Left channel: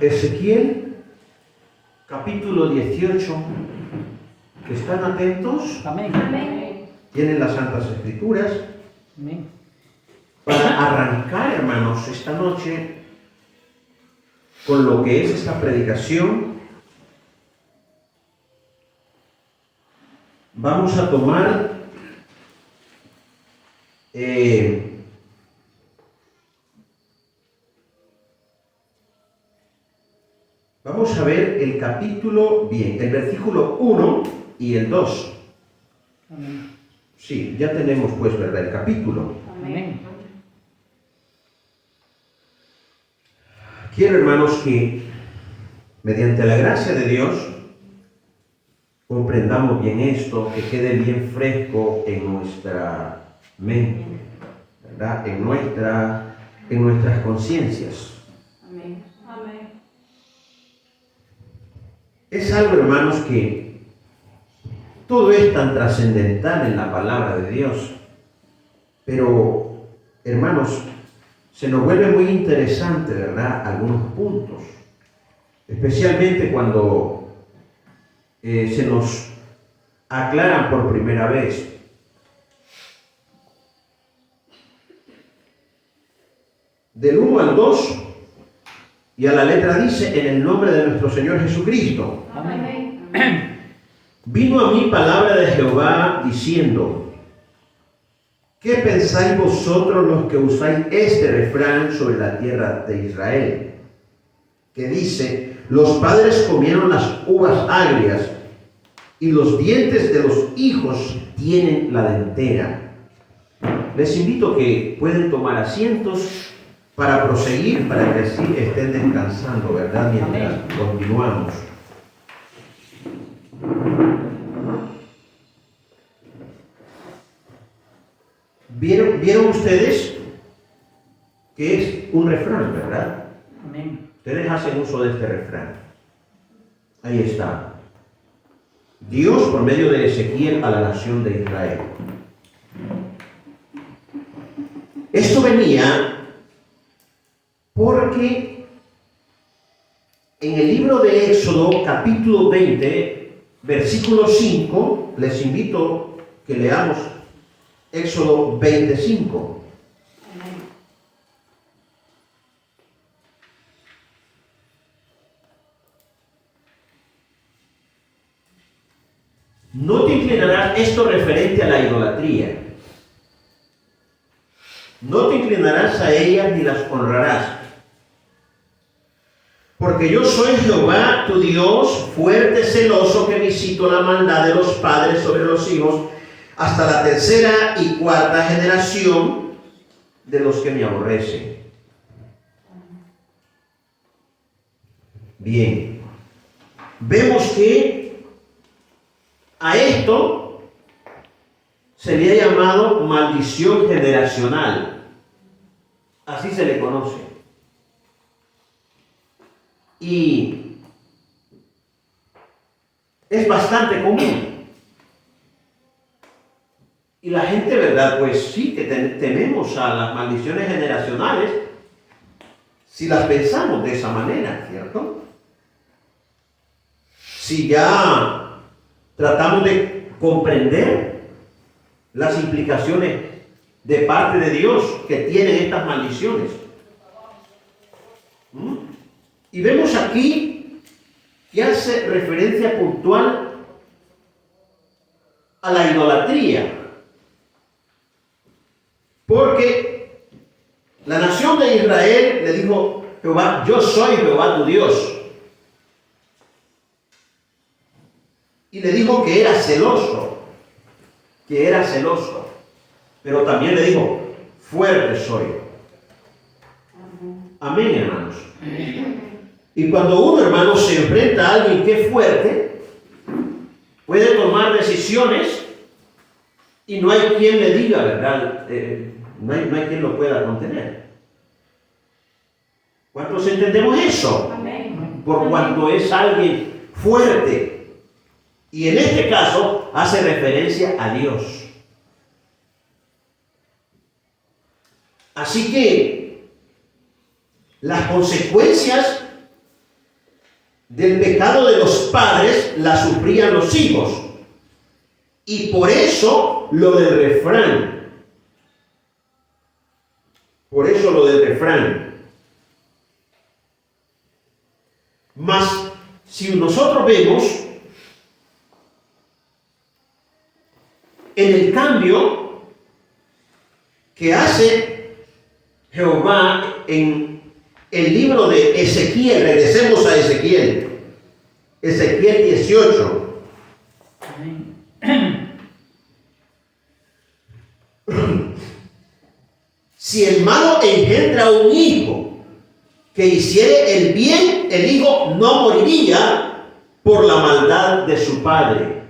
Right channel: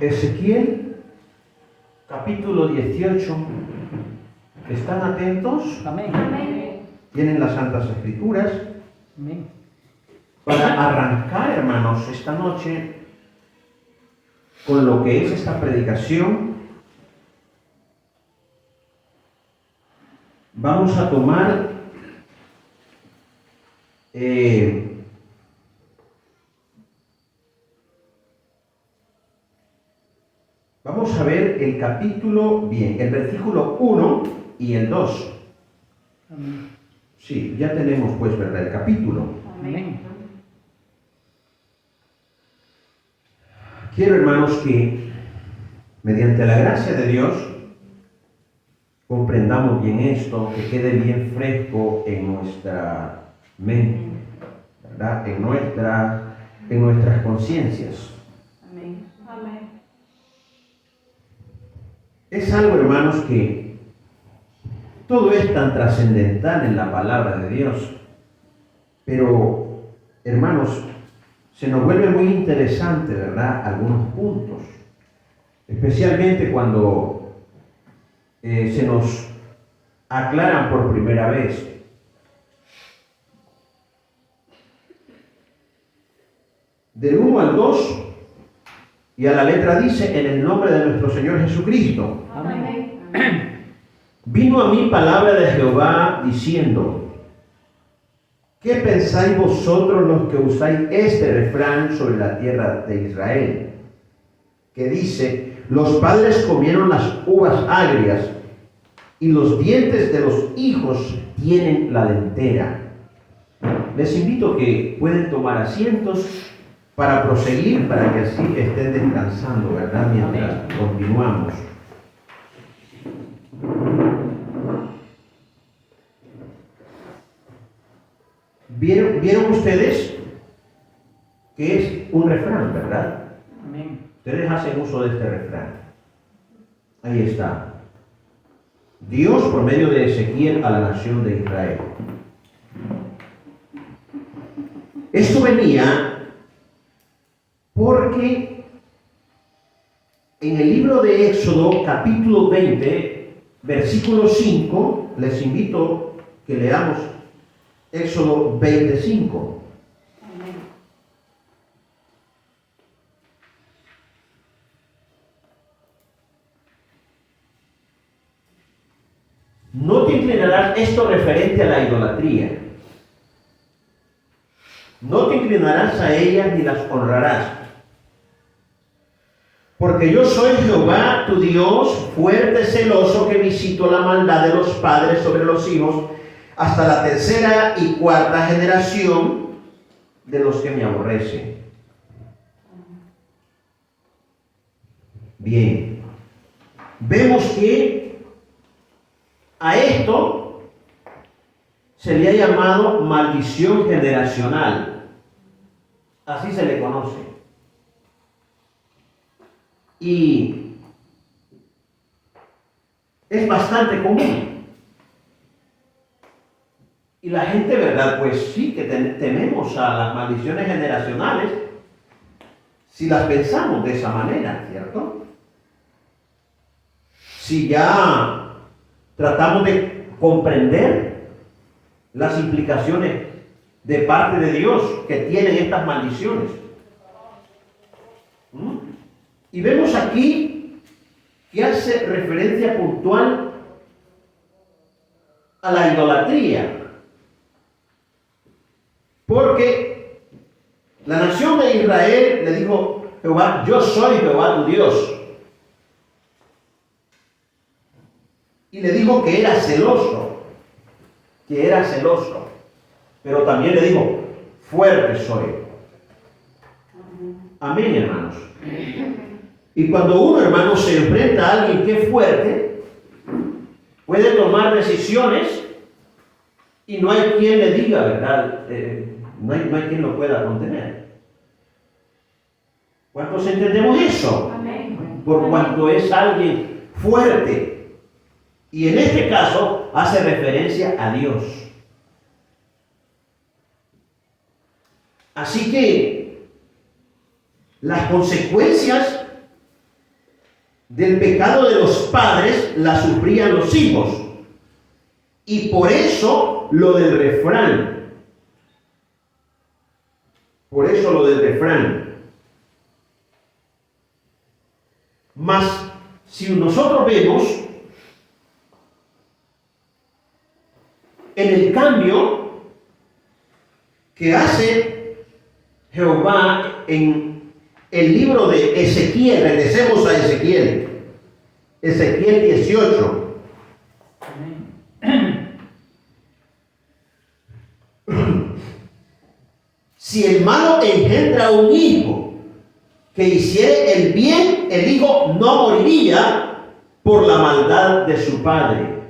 Ezequiel, capítulo 18. ¿Están atentos? Amén. Tienen las Santas Escrituras. Amén. Para arrancar, hermanos, esta noche con lo que es esta predicación, vamos a tomar vamos a ver el capítulo, bien, el versículo 1 y el 2. Amén. Sí, ya tenemos pues, ¿verdad? El capítulo. Amén. Quiero, hermanos, que mediante la gracia de Dios comprendamos bien esto, que quede bien fresco en nuestra mente, ¿verdad? En nuestras conciencias. Amén. Amén. Es algo, hermanos, que todo es tan trascendental en la palabra de Dios, pero, hermanos, se nos vuelve muy interesante, ¿verdad? Algunos puntos, especialmente cuando se nos aclaran por primera vez. Del 1 al 2 y a la letra dice: en el nombre de nuestro Señor Jesucristo. Amén. Vino a mí palabra de Jehová diciendo: ¿qué pensáis vosotros los que usáis este refrán sobre la tierra de Israel? Que dice: los padres comieron las uvas agrias y los dientes de los hijos tienen la dentera. Les invito que pueden tomar asientos para proseguir, para que así estén descansando, ¿verdad? Mientras continuamos. ¿Vieron ustedes que es un refrán, verdad? Amén. Ustedes hacen uso de este refrán. Ahí está. Dios por medio de Ezequiel a la nación de Israel. Esto venía porque en el libro de Éxodo, capítulo 20, versículo 5, les invito que leamos Éxodo 25. No te inclinarás, esto referente a la idolatría. No te inclinarás a ellas ni las honrarás. Porque yo soy Jehová tu Dios, fuerte, celoso, que visito la maldad de los padres sobre los hijos, hasta la tercera y cuarta generación de los que me aborrecen. Bien, vemos que a esto se le ha llamado maldición generacional. Así se le conoce. Y es bastante común. Y la gente, ¿verdad? Pues sí, que tememos a las maldiciones generacionales si las pensamos de esa manera, ¿cierto? Si ya tratamos de comprender las implicaciones de parte de Dios que tienen estas maldiciones. Y vemos aquí que hace referencia puntual a la idolatría. Porque la nación de Israel le dijo Jehová: yo soy Jehová tu Dios. Y le dijo que era celoso, pero también le dijo: fuerte soy. Amén, hermanos. Y cuando uno, hermano, se enfrenta a alguien que es fuerte, puede tomar decisiones y no hay quien le diga, ¿verdad? No hay quien lo pueda contener. ¿Cuántos entendemos eso? Amén. Por cuanto es alguien fuerte. Y en este caso hace referencia a Dios. Así que las consecuencias del pecado de los padres la sufrían los hijos. Y por eso lo del refrán. Por eso lo del refrán. Mas, si nosotros vemos en el cambio que hace Jehová en el libro de Ezequiel, regresemos a Ezequiel, Ezequiel 18. Amén. Si el malo engendra un hijo que hiciere el bien, el hijo no moriría por la maldad de su padre.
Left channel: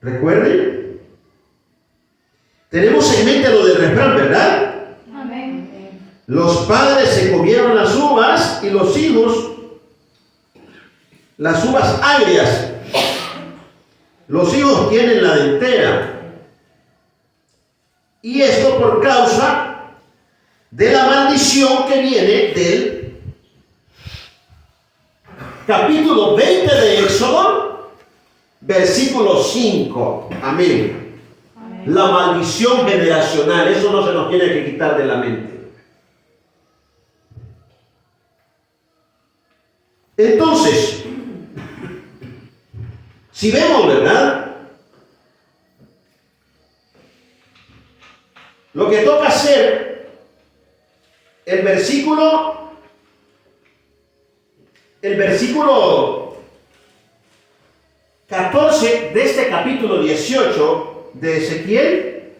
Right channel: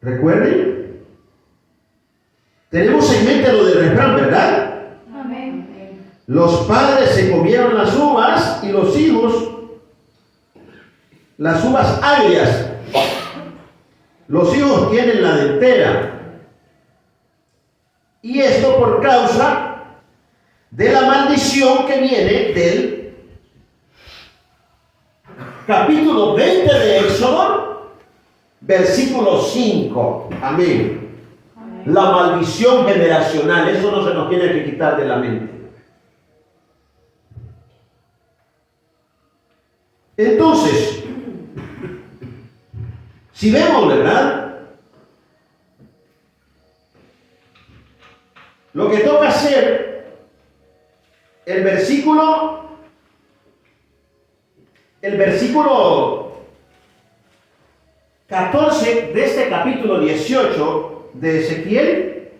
¿Recuerden? Tenemos en mente lo del refrán, ¿verdad? Amén. Los padres se comieron las uvas y los hijos las uvas agrias. Los hijos tienen la dentera. Y esto por causa de la maldición que viene del capítulo 20 de Éxodo, versículo 5. Amén. Amén. La maldición generacional, eso no se nos tiene que quitar de la mente. Entonces, si vemos, ¿verdad? Lo que toca hacer, el versículo 14 de este capítulo 18 de Ezequiel,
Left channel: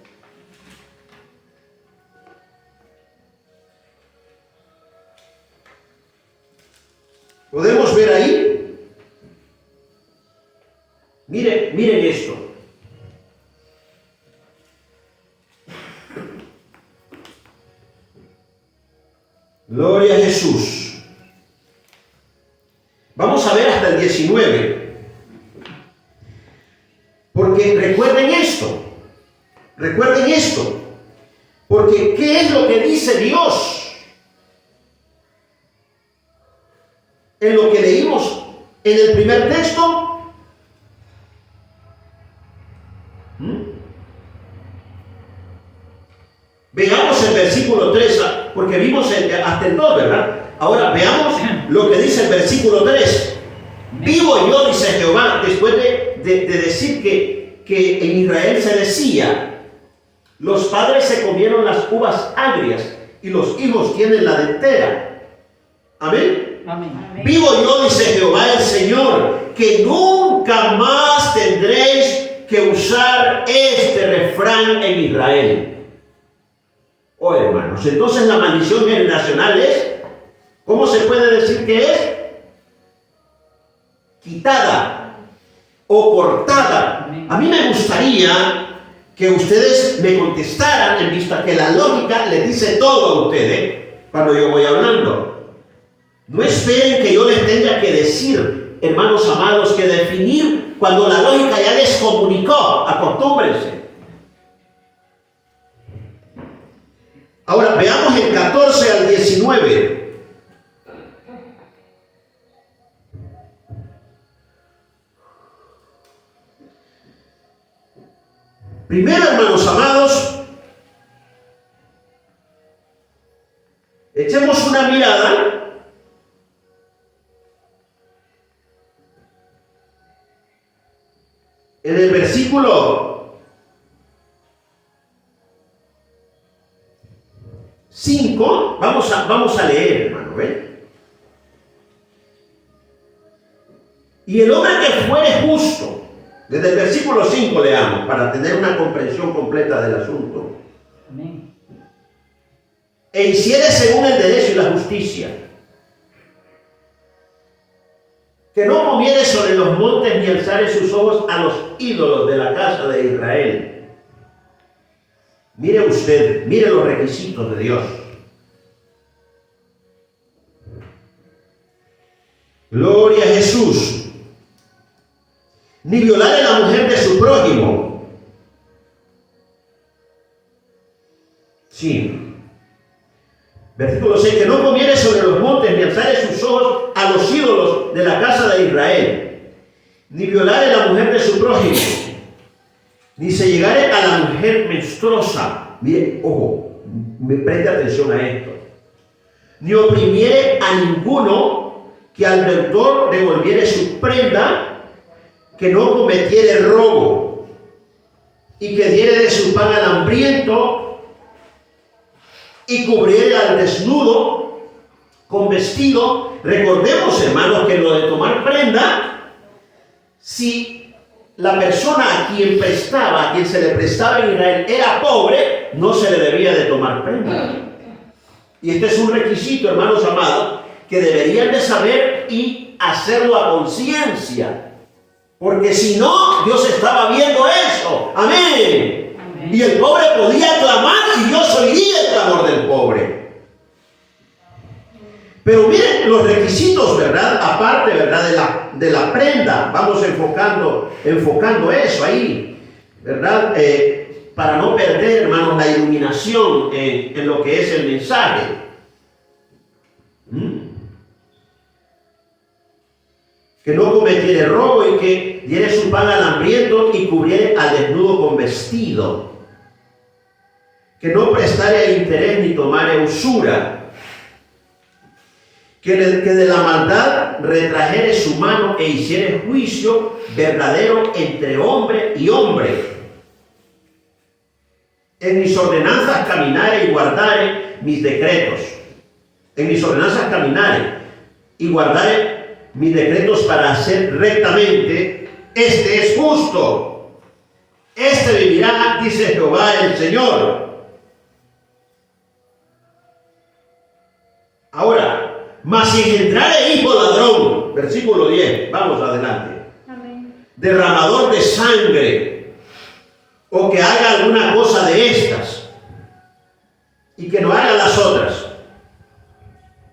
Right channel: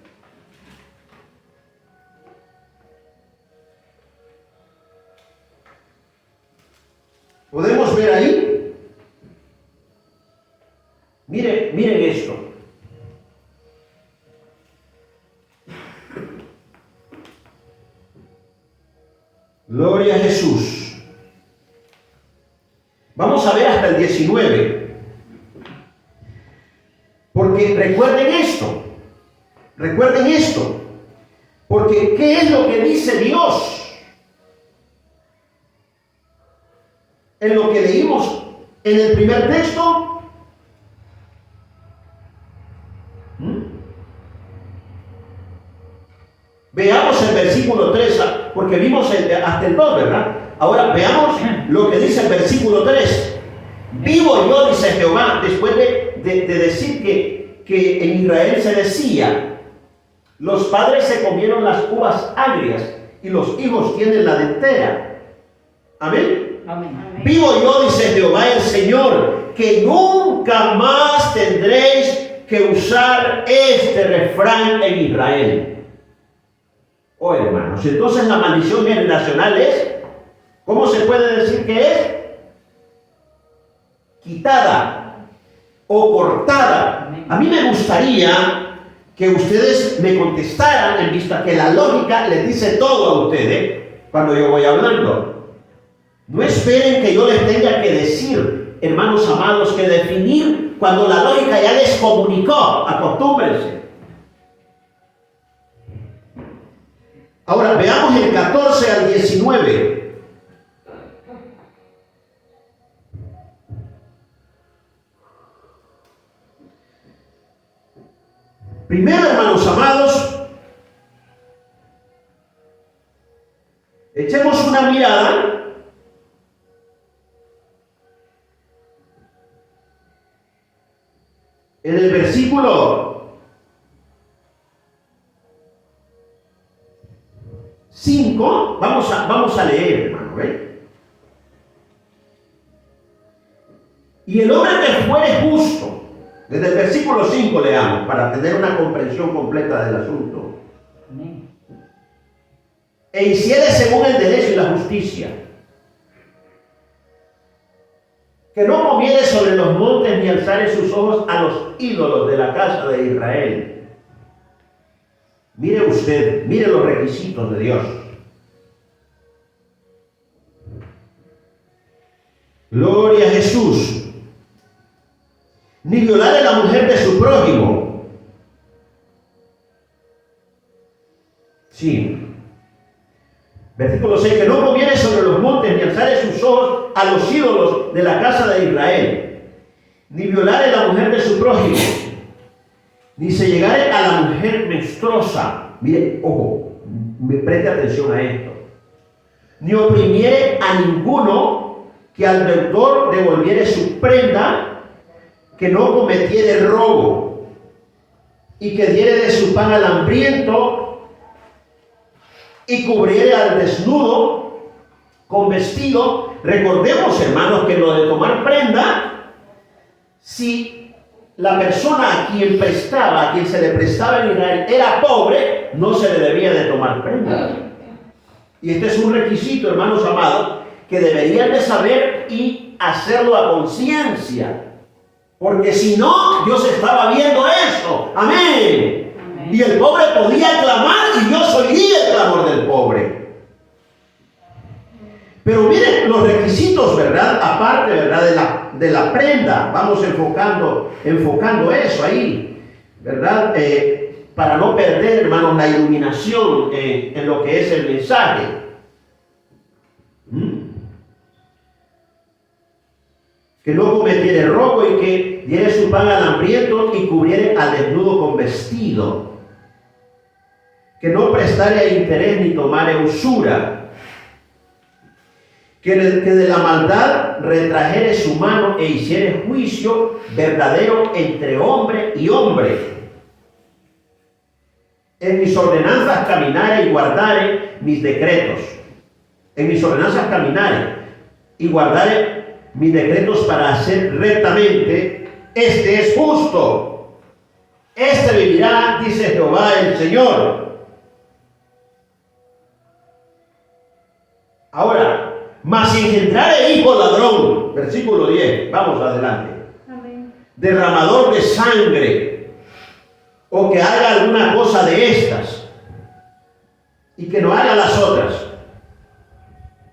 podemos ver ahí, miren esto. Gloria a Jesús. Vamos a ver hasta el 19. Porque recuerden esto. Porque ¿qué es lo que dice Dios? En lo que leímos en el primer texto. Veamos el versículo 3, porque vimos hasta el 2, ¿verdad? Ahora veamos lo que dice el versículo 3. Vivo yo, dice Jehová, después de decir que en Israel se decía, los padres se comieron las uvas agrias y los hijos tienen la dentera. Amén. Amén. Vivo yo, dice Jehová el Señor, que nunca más tendréis que usar este refrán en Israel. Oh, hermanos, entonces la maldición generacional es, ¿cómo se puede decir que es? Quitada o cortada. A mí me gustaría que ustedes me contestaran, en vista que la lógica les dice todo a ustedes cuando yo voy hablando. No esperen que yo les tenga que decir, hermanos amados, que definir cuando la lógica ya les comunicó. Acostúmbrense. Ahora veamos el 14 al 19. Primero, hermanos amados, echemos una mirada en el versículo 5, vamos a leer, hermano, ¿ven? Y el hombre que fuere justo, desde el versículo 5 leamos, para tener una comprensión completa del asunto. Amén. E hiciere según el derecho y la justicia, que no comiere sobre los montes ni alzare sus ojos a los ídolos de la casa de Israel. Mire usted, mire los requisitos de Dios. Gloria a Jesús. Ni violare la mujer de su prójimo. Sí. Versículo 6, que no comiere sobre los montes, ni alzare sus ojos a los ídolos de la casa de Israel, ni violare la mujer de su prójimo, ni se llegare a la mujer menstruosa. Mire, ojo, me preste atención a esto. Ni oprimiere a ninguno, que al deudor devolviere su prenda, que no cometiere robo, y que diere de su pan al hambriento, y cubriere al desnudo con vestido. Recordemos, hermanos, que lo de tomar prenda, si la persona a quien prestaba, a quien se le prestaba en Israel, era pobre, no se le debía de tomar prenda. Y este es un requisito, hermanos amados, que deberían de saber y hacerlo a conciencia. Porque si no, Dios estaba viendo eso. Amén. Y el pobre podía clamar y Dios oiría el clamor del pobre. Pero miren los requisitos, ¿verdad? Aparte, ¿verdad? De la prenda. Vamos enfocando eso ahí, ¿verdad? Para no perder, hermanos, la iluminación en lo que es el mensaje. Que no cometiere robo y que diere su pan al hambriento y cubriere al desnudo con vestido. Que no prestare a interés ni tomare usura. Que de la maldad retrajere su mano e hiciere juicio verdadero entre hombre y hombre. En mis ordenanzas caminare y guardare mis decretos. En mis ordenanzas caminare y guardare mis decretos para hacer rectamente. Este es justo. Este vivirá, dice Jehová el Señor. Ahora, mas si engendrare hijo ladrón, versículo 10, vamos adelante. Amén. Derramador de sangre, o que haga alguna cosa de estas, y que no haga las otras.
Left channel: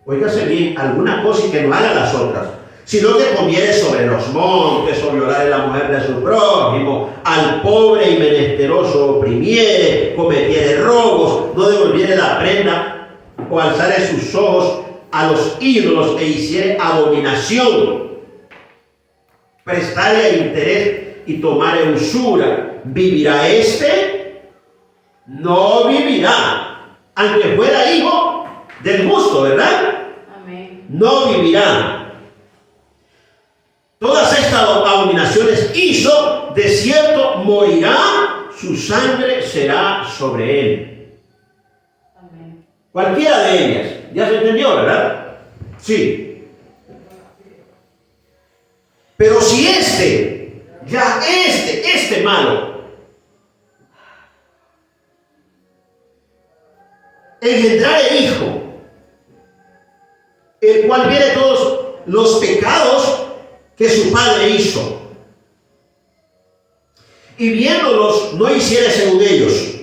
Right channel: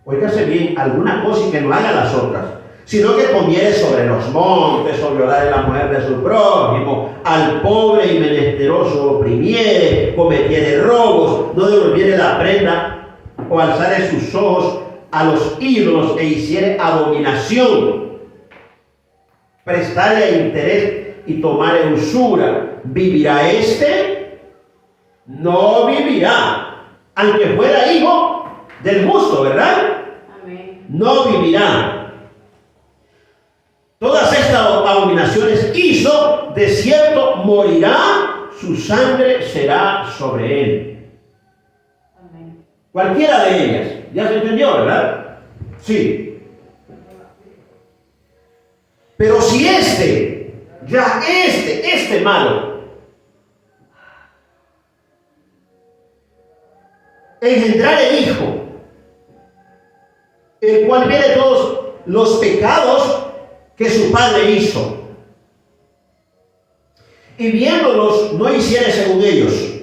Óigase bien, alguna cosa y que no haga las otras, sino que comiere sobre los montes, o violare la mujer de su prójimo, al pobre y menesteroso oprimiere, cometiere robos, no devolviere la prenda, o alzare sus ojos a los ídolos e hiciere abominación, prestare a interés y tomare usura, ¿vivirá este? No vivirá, aunque fuera hijo del justo, ¿verdad? Amén. No vivirá. Todas estas abominaciones hizo, de cierto morirá, su sangre será sobre él. Amén. Cualquiera de ellas. ¿Ya se entendió, verdad? Sí. Pero si este malo, engendrare hijo, el cual viene todos los pecados que su padre hizo, y viéndolos no hiciere según ellos,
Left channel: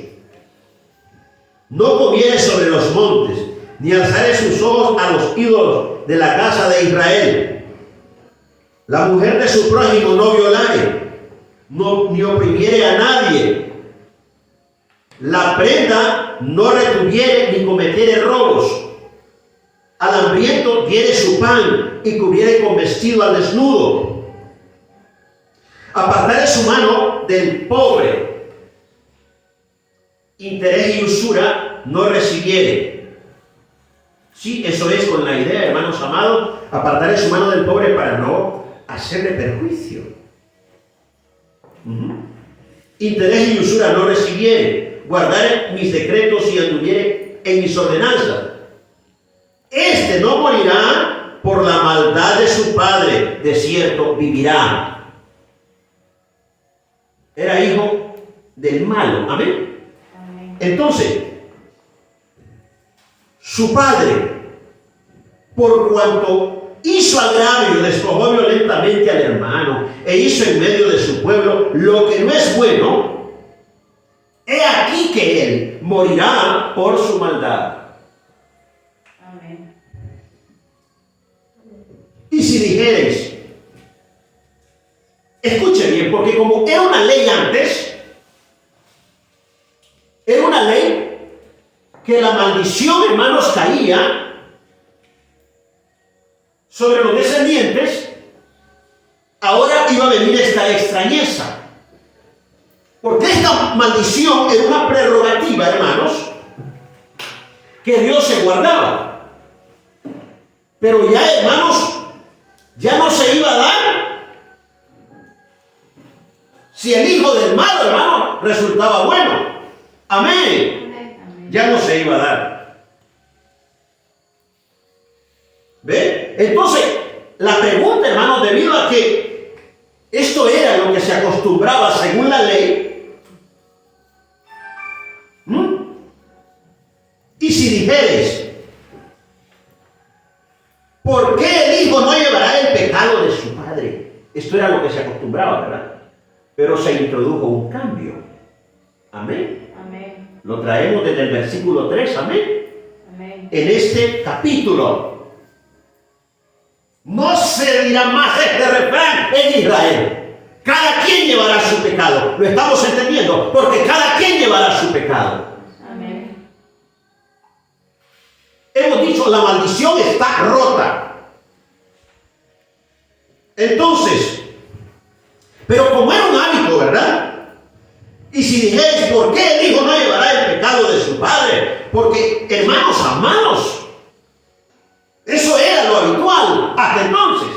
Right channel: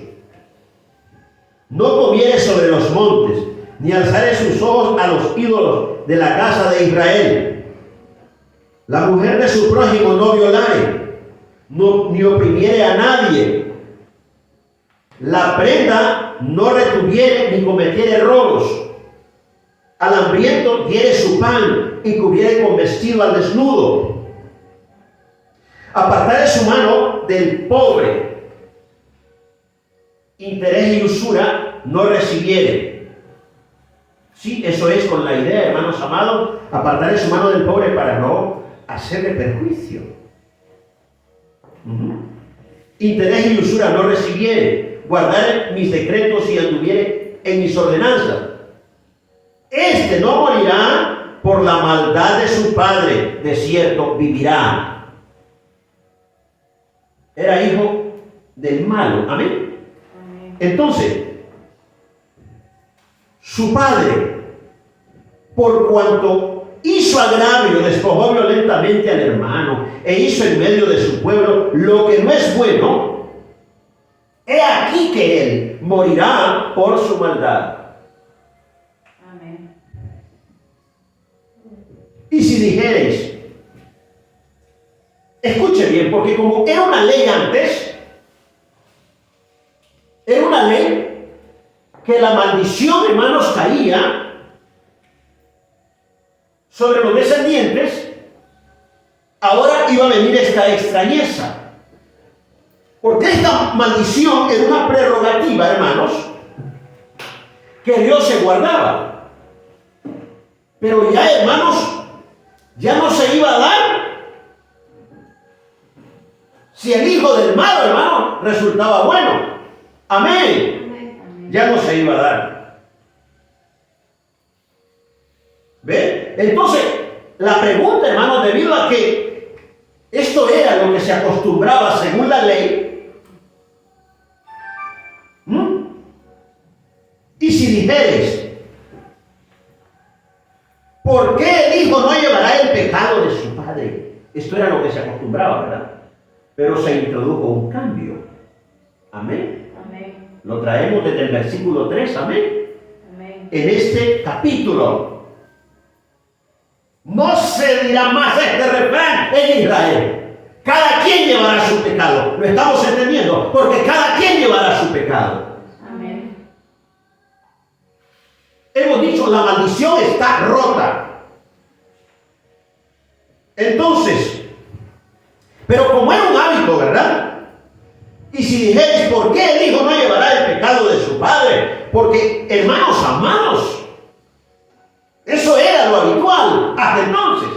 no comiere sobre los montes, ni alzare sus ojos a los ídolos de la casa de Israel, la mujer de su prójimo no violare, ni oprimiere a nadie, la prenda no retuviere ni cometiere robos, al hambriento diere su pan y cubriere con vestido al desnudo, apartare su mano del pobre, interés y usura no recibiere. Sí, eso es con la idea, hermanos amados, apartaré su mano del pobre para no hacerle perjuicio. Interés y usura no recibiere, guardaré mis decretos y anduviere en mis ordenanzas. Este no morirá por la maldad de su padre, de cierto vivirá. Era hijo del malo. Amén. Amén. Entonces, su padre, por cuanto hizo agravio, despojó violentamente al hermano e hizo en medio de su pueblo lo que no es bueno, he aquí que él morirá por su maldad. Amén. Y si dijereis, escuche bien, porque como era una ley antes, era una ley que la maldición, hermanos, caía sobre los descendientes, ahora iba a venir esta extrañeza. Porque esta maldición era una prerrogativa, hermanos, que Dios se guardaba. Pero ya, hermanos, ya no se iba a dar si el hijo del malo, hermano, resultaba bueno. Amén. Amén. Ya no se iba a dar. ¿Ve? Entonces, la pregunta, hermanos, debido a que esto era lo que se acostumbraba según la ley, y si dijeres, ¿por qué el hijo no llevará el pecado de su padre? Esto era lo que se acostumbraba, ¿verdad? Pero se introdujo un cambio. Amén. Amén. Lo traemos desde el versículo 3, amén. Amén. En este capítulo. No se dirá más este refrán en Israel. Cada quien llevará su pecado. Lo estamos entendiendo, porque cada quien llevará su pecado. Amén. Hemos dicho, la maldición está rota. Entonces, pero como era un hábito, ¿verdad? Y si dijeres, ¿por qué el hijo no llevará el pecado de su padre? Porque, hermanos amados, eso era lo habitual hasta entonces.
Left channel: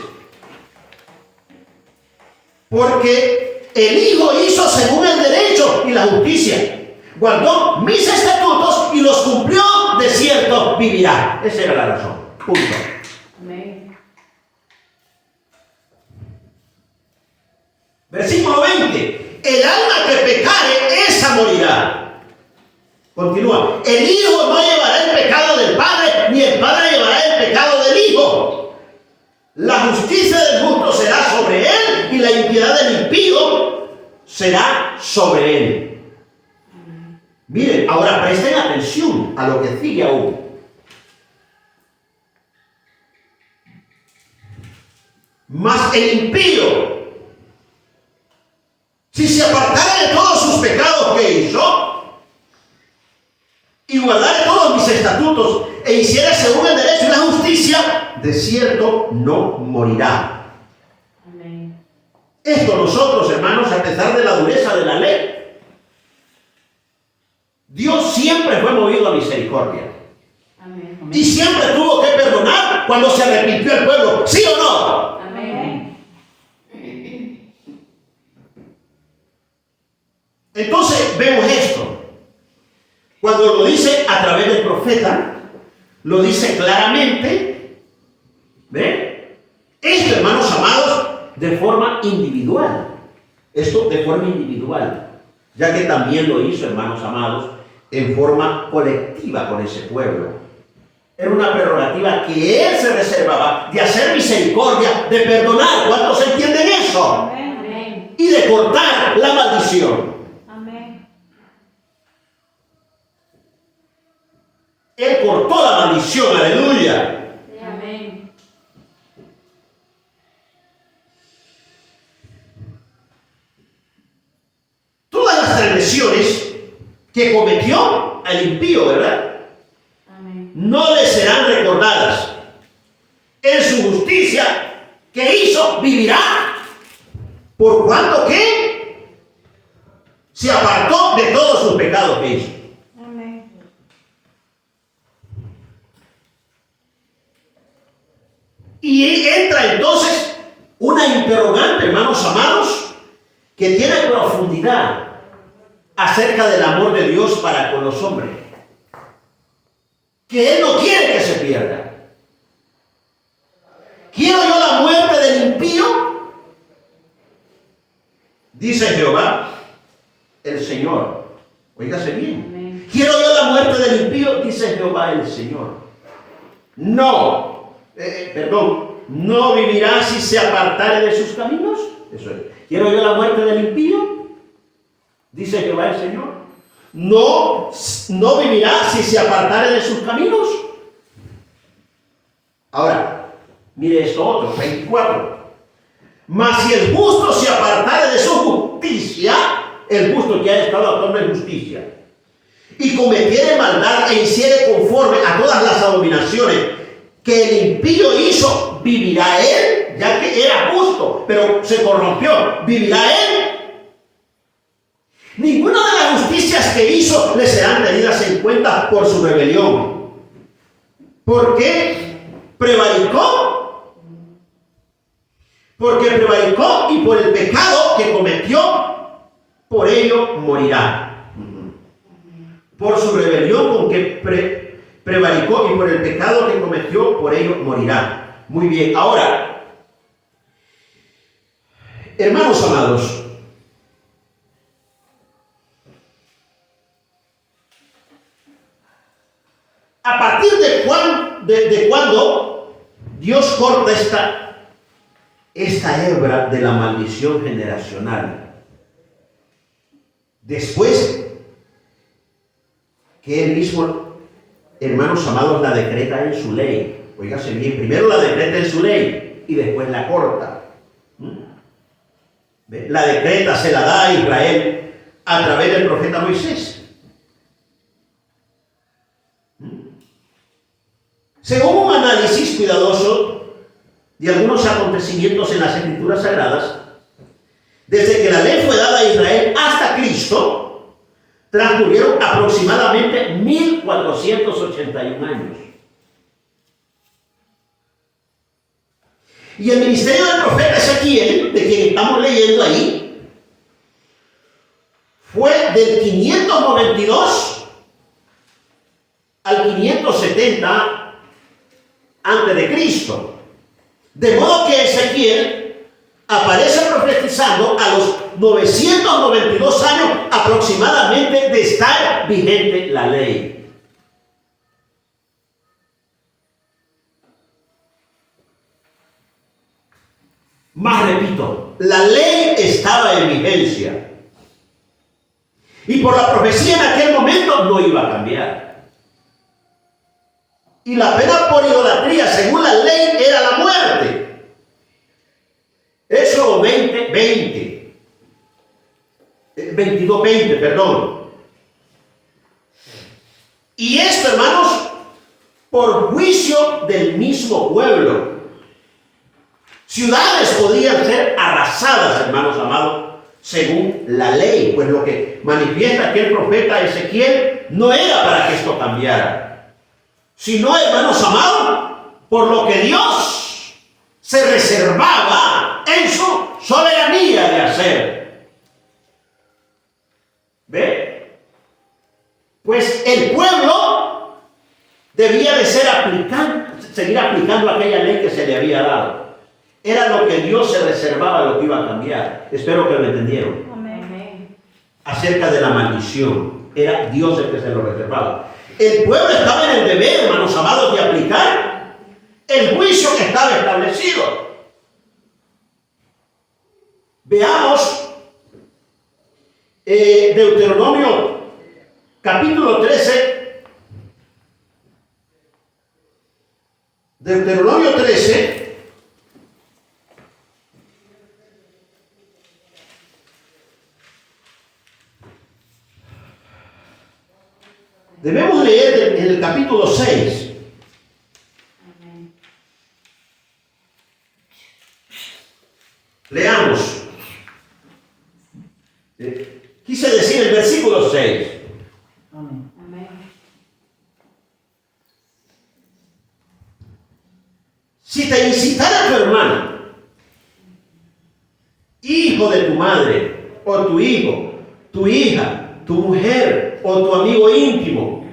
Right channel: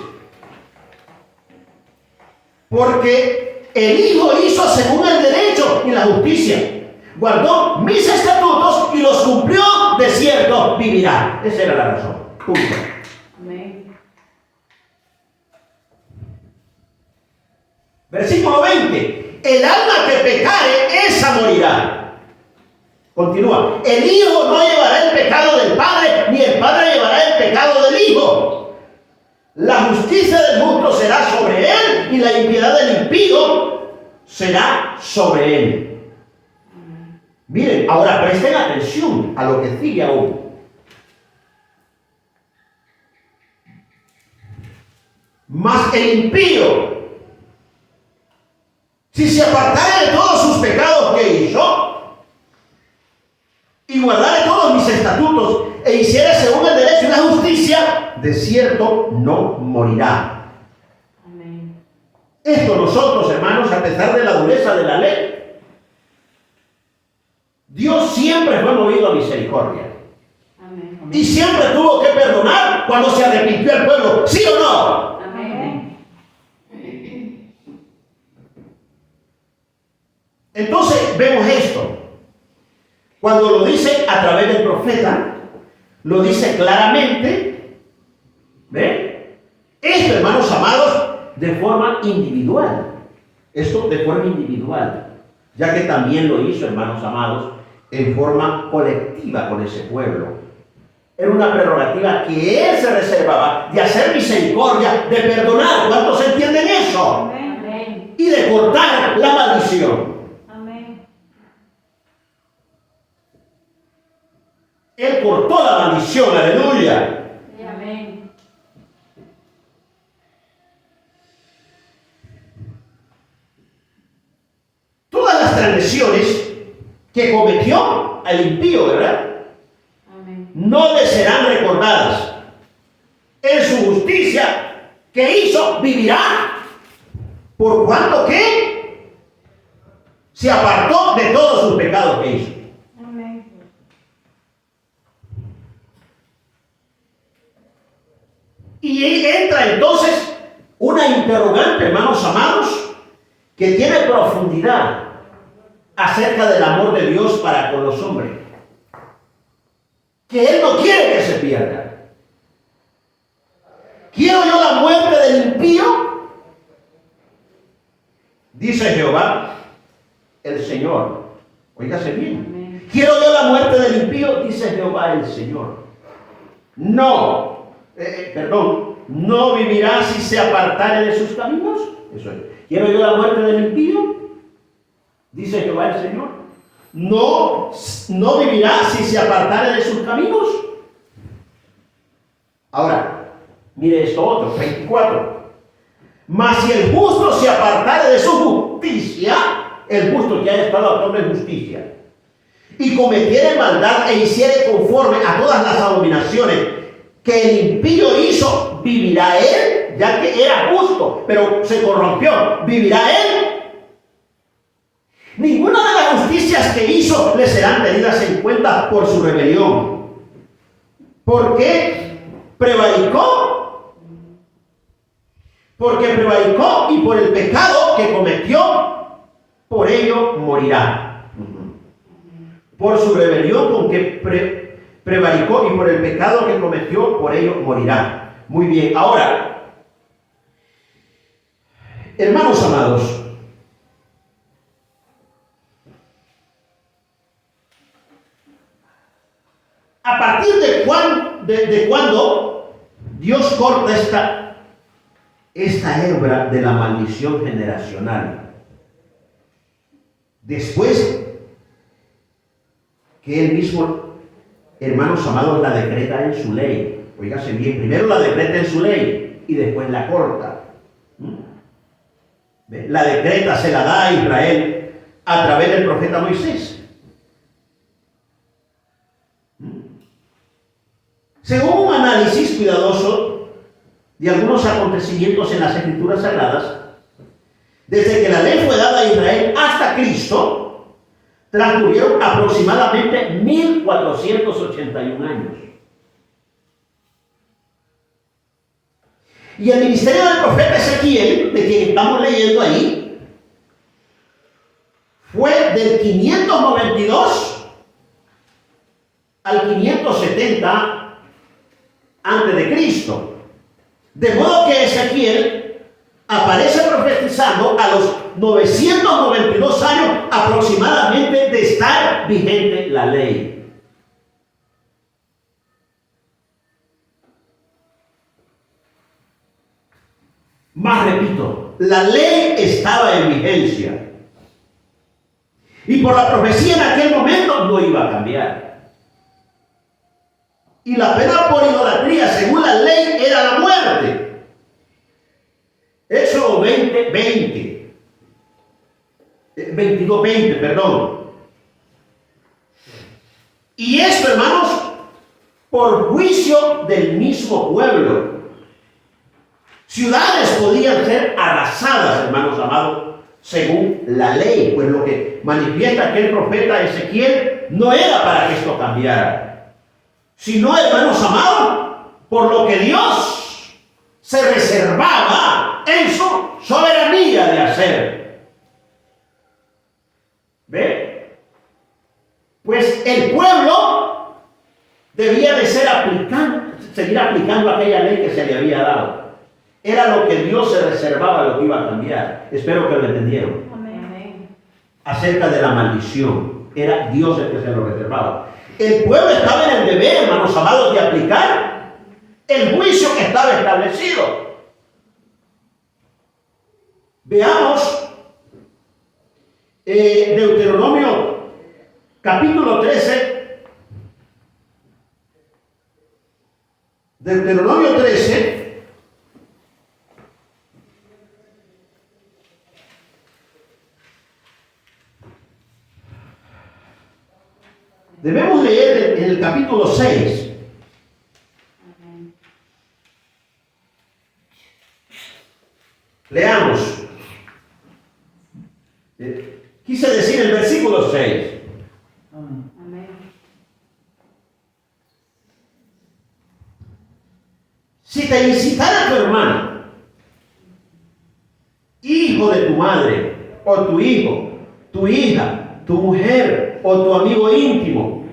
Porque el hijo hizo según el derecho y la justicia. Guardó mis estatutos y los cumplió, de cierto vivirá. Esa era la razón. Punto. Amén. Versículo 20. El alma que pecare, esa morirá. Continúa. El hijo no llevará el pecado del padre, ni el padre llevará el pecado del hijo. La justicia del justo será sobre él, y la impiedad del impío será sobre él. Miren, ahora presten atención a lo que sigue aún. Mas el impío, si se apartare de todos sus pecados que hizo, y guardare todos mis estatutos, e hiciera según el derecho y la justicia, de cierto no morirá. Amén. Esto nosotros, hermanos, a pesar de la dureza de la ley, Dios siempre fue movido a misericordia. Amén. Y siempre tuvo que perdonar cuando se arrepintió el pueblo. ¿Sí o no? Amén. Entonces vemos esto. Cuando lo dice a través del profeta, lo dice claramente. ¿Ve? Esto, hermanos amados, de forma individual. Esto de forma individual. Ya que también lo hizo, hermanos amados, en forma colectiva con ese pueblo. Era una prerrogativa que él se reservaba de hacer misericordia, de perdonar. ¿Cuántos entienden eso? Amén. Y de cortar la maldición. Amén. Él cortó la maldición, aleluya. Amén. Todas las transgresiones que cometió al impío, ¿verdad? Amén. No le serán recordadas. En su justicia que hizo, vivirá. Por cuanto que se apartó de todos sus pecados que hizo. Amén. Y entra entonces una interrogante, hermanos amados, que tiene profundidad acerca del amor de Dios para con los hombres. Que Él no quiere que se pierda. ¿Quiero yo la muerte del impío? Dice Jehová, el Señor. Óigase bien. Amén. ¿Quiero yo la muerte del impío? Dice Jehová, el Señor. No. No vivirá si se apartare de sus caminos. Eso es. ¿Quiero yo la muerte del impío? Dice Jehová el Señor. No vivirá si se apartare de sus caminos. Ahora, mire esto otro, 24. Mas si el justo se apartare de su justicia, el justo que ha estado actuando en justicia, y cometiere maldad e hiciere conforme a todas las abominaciones que el impío hizo, ¿vivirá él? Ya que era justo, pero se corrompió, ¿vivirá él? Ninguna de las justicias que hizo le serán tenidas en cuenta por su rebelión. ¿Por qué prevaricó? Porque prevaricó y por el pecado que cometió, por ello morirá. Por su rebelión con que prevaricó y por el pecado que cometió, por ello morirá. Muy bien, ahora, hermanos amados, ¿a partir de cuándo Dios corta esta hebra de la maldición generacional? Después que Él mismo, hermanos amados, la decreta en su ley. Óigase bien, primero la decreta en su ley y después la corta. La decreta se la da a Israel a través del profeta Moisés. Según un análisis cuidadoso de algunos acontecimientos en las Escrituras Sagradas, desde que la ley fue dada a Israel hasta Cristo, transcurrieron aproximadamente 1481 años. Y el ministerio del profeta Ezequiel, de quien estamos leyendo ahí, fue del 592 al 570 antes de Cristo. De modo que Ezequiel aparece profetizando a los 992 años aproximadamente de estar vigente la ley. Más repito, la ley estaba en vigencia. Y por la profecía en aquel momento no iba a cambiar. Y la pena por idolatría, según la ley, era la muerte. Éxodo 22:20, perdón. Y esto, hermanos, por juicio del mismo pueblo. Ciudades podían ser arrasadas, hermanos amados, según la ley, pues lo que manifiesta aquel profeta Ezequiel no era para que esto cambiara, sino, hermanos amados, por lo que Dios se reservaba en su soberanía de hacer. ¿Ve? Pues el pueblo debía de seguir aplicando aquella ley que se le había dado. Era lo que Dios se reservaba, lo que iba a cambiar. Espero que lo entendieron. Amén. Acerca de la maldición, era Dios el que se lo reservaba. El pueblo estaba en el deber, hermanos amados, de aplicar el juicio que estaba establecido. Veamos Deuteronomio capítulo 13. Deuteronomio 13. Debemos leer en el capítulo 6. Amén. Leamos. Quise decir el versículo 6. Amén. Amén. Si te incitara tu hermano, hijo de tu madre, o tu hijo, tu hija, tu mujer, o tu amigo íntimo,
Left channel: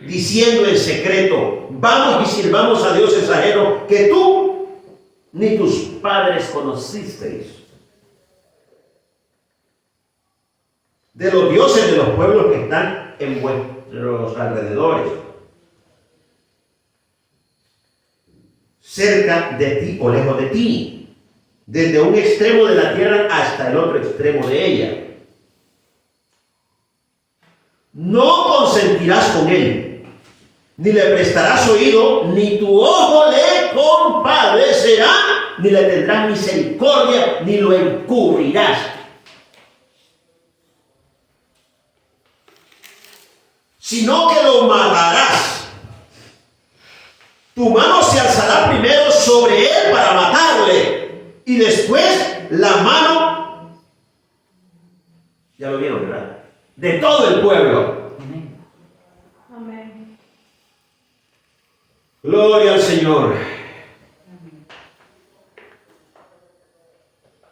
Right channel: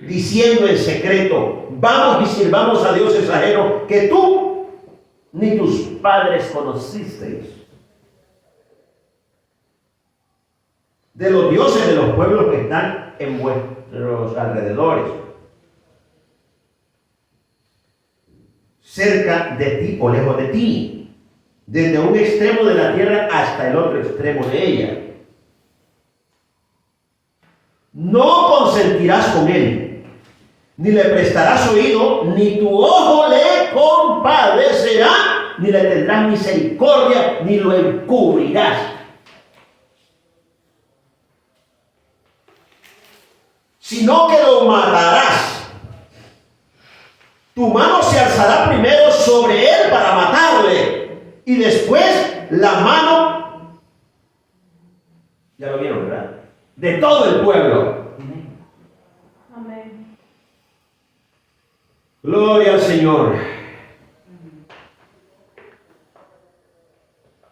diciendo en secreto, vamos y sirvamos a dioses ajenos que tú ni tus padres conocisteis, de los dioses de los pueblos que están en vuestros alrededores, cerca de ti o lejos de ti, desde un extremo de la tierra hasta el otro extremo de ella. No consentirás con él, ni le prestarás oído, ni tu ojo le compadecerá, ni le tendrás misericordia, ni lo encubrirás. sino que lo matarás. Tu mano se alzará primero sobre él para matarle, y después la mano, ya lo vieron, ¿verdad?, de todo el pueblo. Amén. Amén. Gloria al Señor.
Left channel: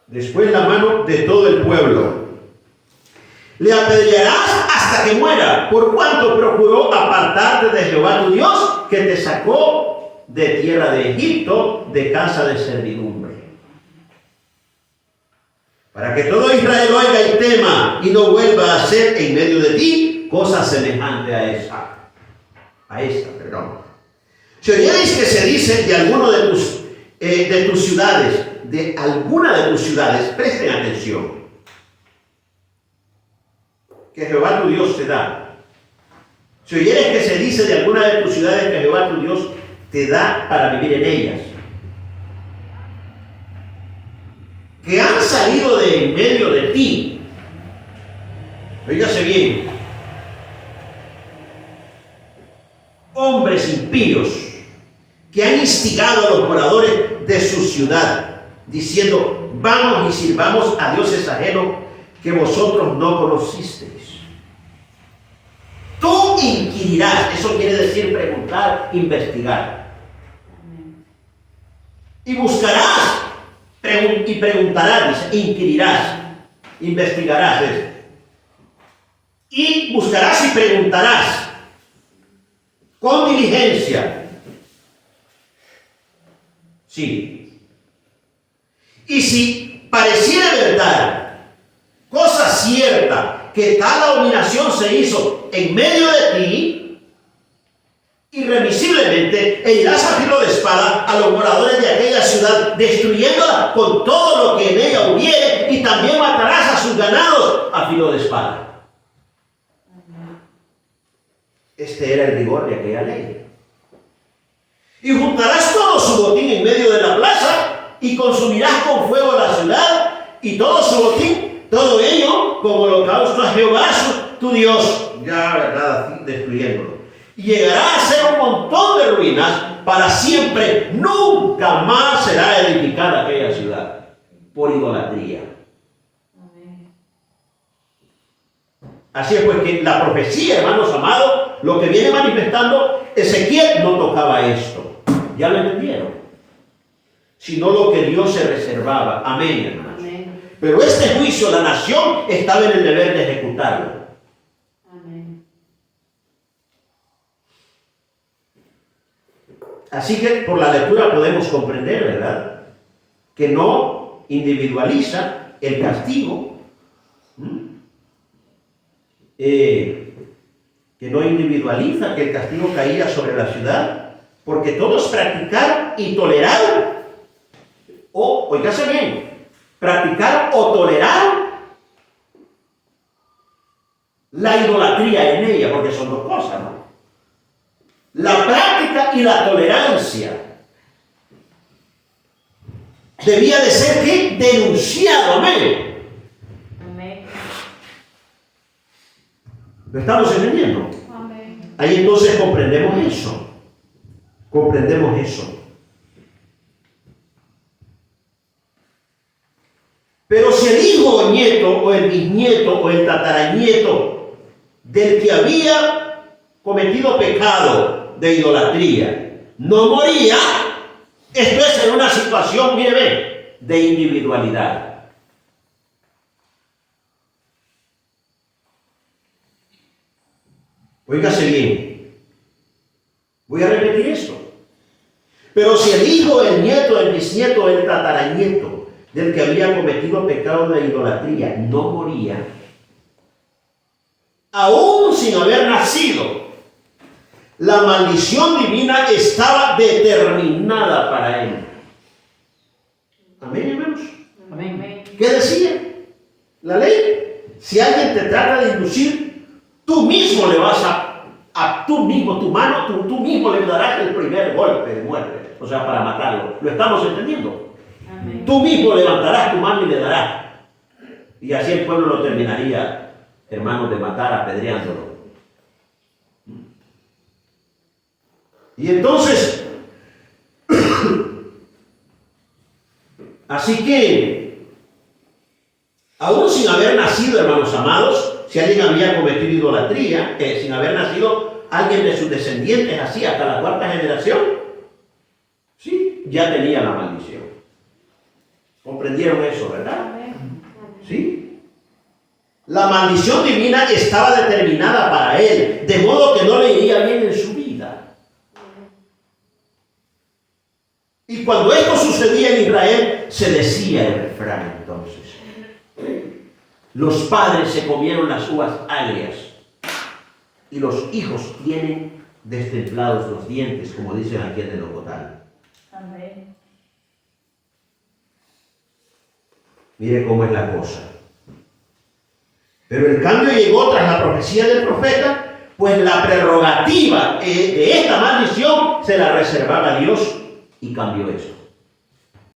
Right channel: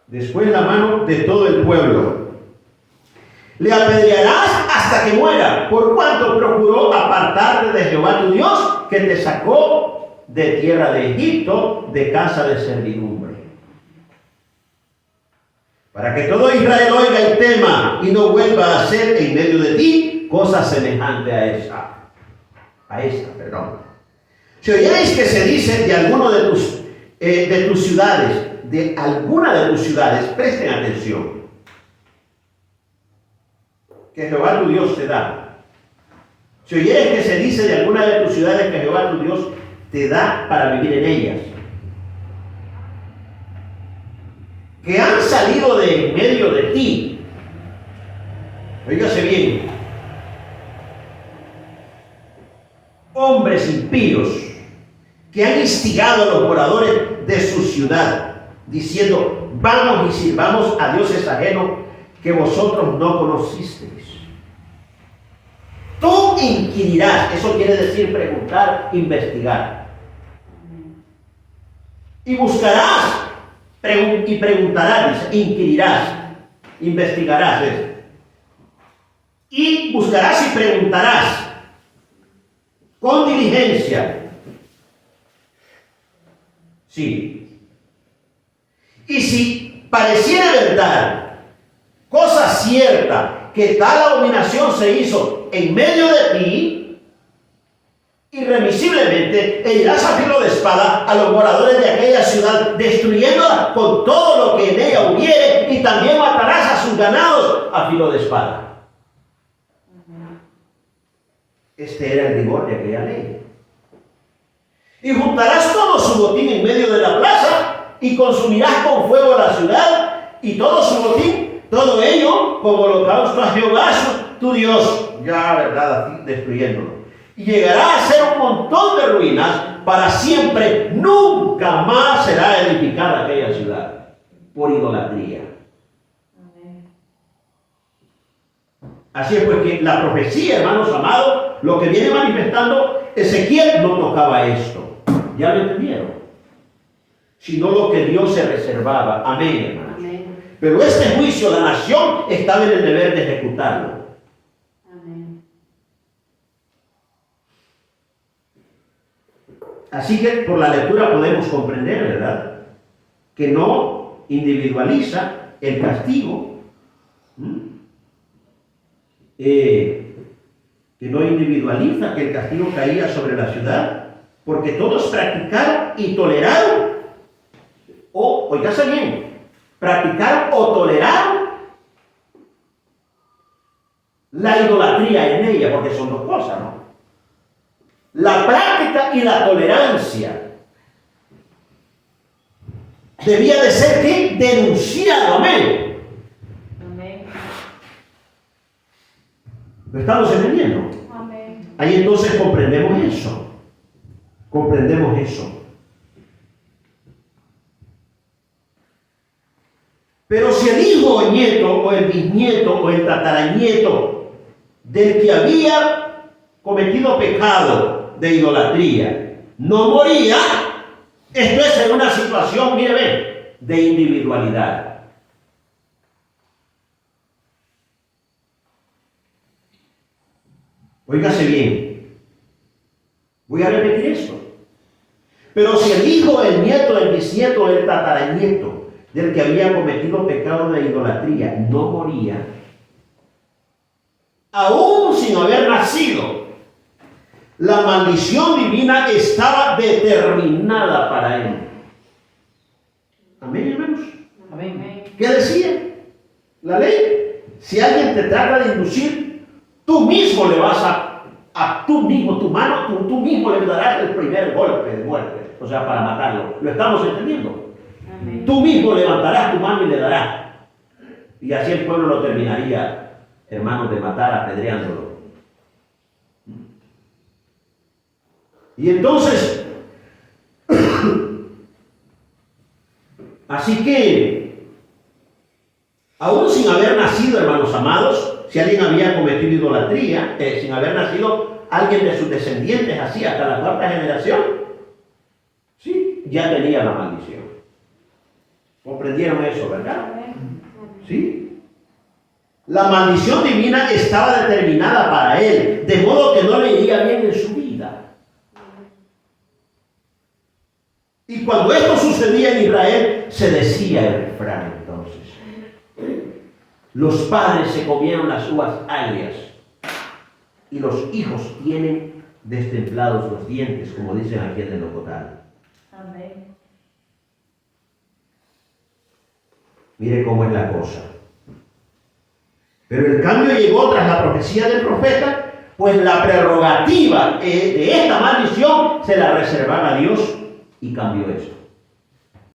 Después la mano de todo el pueblo. Le apedrearás hasta que muera, por cuanto procuró apartarte de Jehová tu Dios, que te sacó de tierra de Egipto, de casa de servidumbre. Para que todo Israel oiga el tema y no vuelva a hacer en medio de ti cosa semejante a esta. Si oyerais que se dice de alguno de tus ciudades, de alguna de tus ciudades, presten atención, que Jehová tu Dios te da. Si oyeres que se dice de alguna de tus ciudades que Jehová tu Dios te da para vivir en ellas, que han salido de en medio de ti, oígase bien, hombres impíos que han instigado a los moradores de su ciudad, diciendo: vamos y sirvamos a dioses ajenos que vosotros no conocisteis. Tú inquirirás, eso quiere decir preguntar, investigar. Y buscarás y preguntarás, dice, inquirirás, investigarás. Y buscarás y preguntarás con diligencia. Sí. Y si pareciera verdad, cosa cierta, que tal abominación se hizo en medio de ti, irremisiblemente irás a filo de espada a los moradores de aquella ciudad, destruyéndola con todo lo que en ella hubiere, y también matarás a sus ganados a filo de espada. Este era el rigor de aquella ley. Y juntarás todo su botín en medio de la plaza, y consumirás con fuego la ciudad, y todo su botín, todo ello, como holocausto a Jehová tu Dios, ya, ¿verdad?, así, destruyéndolo. Y llegará a ser un montón de ruinas para siempre. Nunca más será edificada aquella ciudad por idolatría. Así es pues que la profecía, hermanos amados, lo que viene manifestando Ezequiel, no tocaba esto. ¿Ya lo entendieron? Sino lo que Dios se reservaba. Amén, hermanos. Amén. Pero este juicio, la nación estaba en el deber de ejecutarlo. Amén. Así que por la lectura podemos comprender, ¿verdad?, que no individualiza el castigo. Que no individualiza que el castigo caía sobre la ciudad, porque todos practicaron y toleraron, oígase bien, practicaron o toleraron la idolatría en ella, porque son dos cosas, ¿no? La práctica y la tolerancia debía de ser, ¿qué?, denunciado. Amén. Amén. ¿Lo estamos entendiendo? Amén. Ahí entonces comprendemos eso. Comprendemos eso. Pero si el hijo o nieto o el bisnieto o el tataranieto del que había cometido pecado de idolatría no moría, esto es en una situación, mire, ve, de individualidad. Óigase bien. Voy a repetir esto. Pero si el hijo, el nieto, el bisnieto, el tataranieto del que había cometido pecado de idolatría no moría, aún sin haber nacido, la maldición divina estaba determinada para él. Amén, hermanos. Amén. ¿Qué decía la ley? Si alguien te trata de inducir, tú mismo le vas tú mismo, tu mano, tú mismo le darás el primer golpe de muerte, o sea, para matarlo. ¿Lo estamos entendiendo? Amén. Tú mismo levantarás tu mano y le darás. Y así el pueblo lo terminaría, hermanos, de matar apedreándolo. Y entonces, así que, aún sin haber nacido, hermanos amados, si alguien había cometido idolatría, sin haber nacido alguien de sus descendientes así hasta la cuarta generación, sí, ya tenía la maldición. ¿Comprendieron eso, verdad? ¿Sí? La maldición divina estaba determinada para él, de modo que no le iría bien en su vida. Y cuando esto sucedía en Israel, se decía el refrán entonces: los padres se comieron las uvas agrias y los hijos tienen destemplados los dientes, como dicen aquí en el Ocotal. Amén. Mire cómo es la cosa. Pero el cambio llegó tras la profecía del profeta, pues la prerrogativa de esta maldición se la reservaba a Dios y cambió esto.